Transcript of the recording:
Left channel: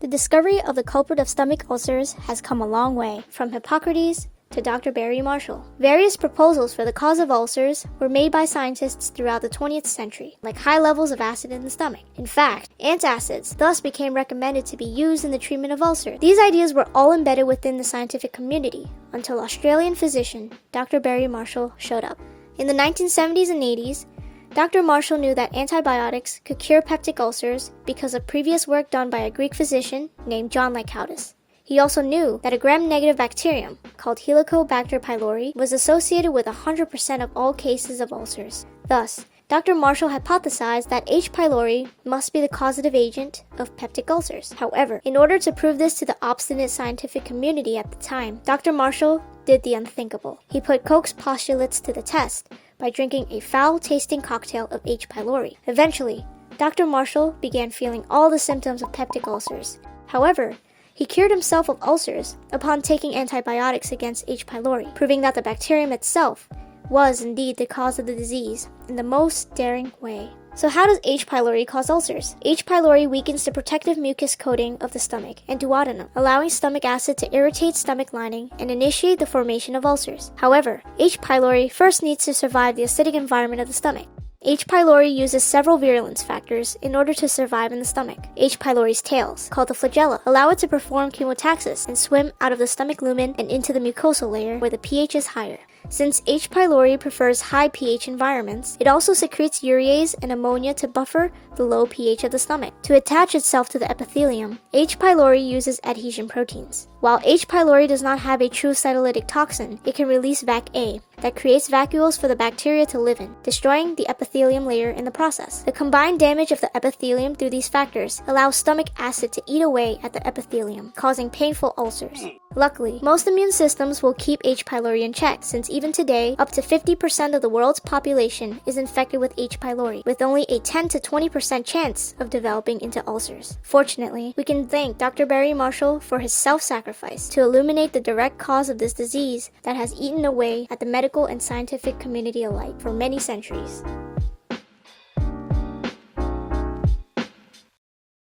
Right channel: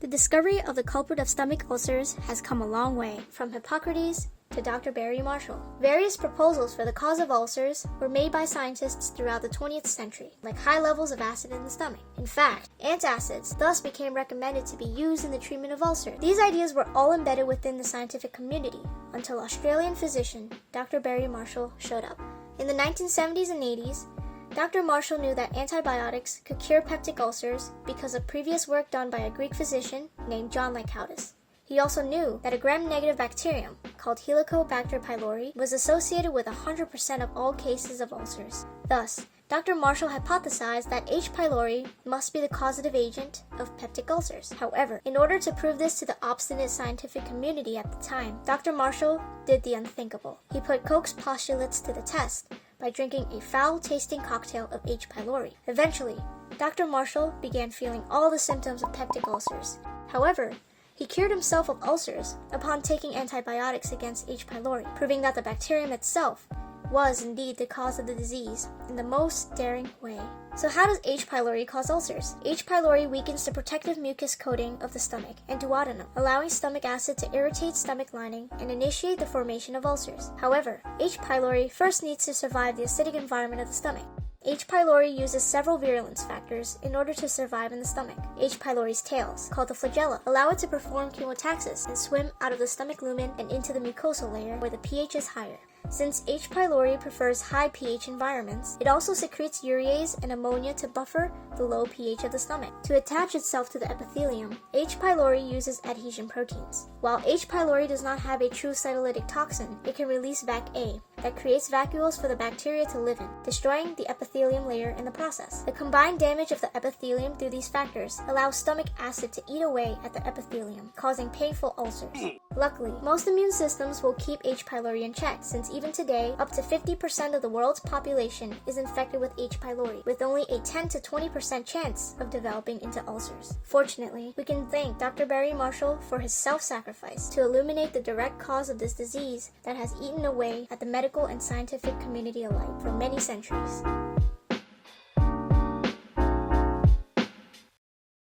The discovery of the culprit of stomach ulcers has come a long way, from Hippocrates to Dr. Barry Marshall. Various proposals for the cause of ulcers were made by scientists throughout the 20th century, like high levels of acid in the stomach. In fact, antacids thus became recommended to be used in the treatment of ulcers. These ideas were all embedded within the scientific community until Australian physician Dr. Barry Marshall showed up. In the 1970s and 80s, Dr. Marshall knew that antibiotics could cure peptic ulcers because of previous work done by a Greek physician named John Lycoutis. He also knew that a gram-negative bacterium called Helicobacter pylori was associated with 100% of all cases of ulcers. Thus, Dr. Marshall hypothesized that H. pylori must be the causative agent of peptic ulcers. However, in order to prove this to the obstinate scientific community at the time, Dr. Marshall did the unthinkable. He put Koch's postulates to the test by drinking a foul-tasting cocktail of H. pylori. Eventually, Dr. Marshall began feeling all the symptoms of peptic ulcers. However, he cured himself of ulcers upon taking antibiotics against H. pylori, proving that the bacterium itself was indeed the cause of the disease in the most daring way. So how does H. pylori cause ulcers? H. pylori weakens the protective mucus coating of the stomach and duodenum, allowing stomach acid to irritate stomach lining and initiate the formation of ulcers. However, H. pylori first needs to survive the acidic environment of the stomach. H. pylori uses several virulence factors in order to survive in the stomach. H. pylori's tails, called the flagella, allow it to perform chemotaxis and swim out of the stomach lumen and into the mucosal layer where the pH is higher. Since H. pylori prefers high pH environments, it also secretes urease and ammonia to buffer the low pH of the stomach. To attach itself to the epithelium, H. pylori uses adhesion proteins. While H. pylori does not have a true cytolytic toxin, it can release VAC-A that creates vacuoles for the bacteria to live in, destroying the epithelium layer in the process. The combined damage of the epithelium through these factors allows stomach acid to eat away at the epithelium, causing painful ulcers. Luckily, most immune systems will keep H. pylori in check, since even today, up to 50% of the world's population is infected with H. pylori, with only a 10 to 20% chance of developing into ulcers. Fortunately, we can thank Dr. Barry Marshall for his self-sacrifice to illuminate the direct cause of this disease that has eaten away at the medical and scientific community alike for many centuries.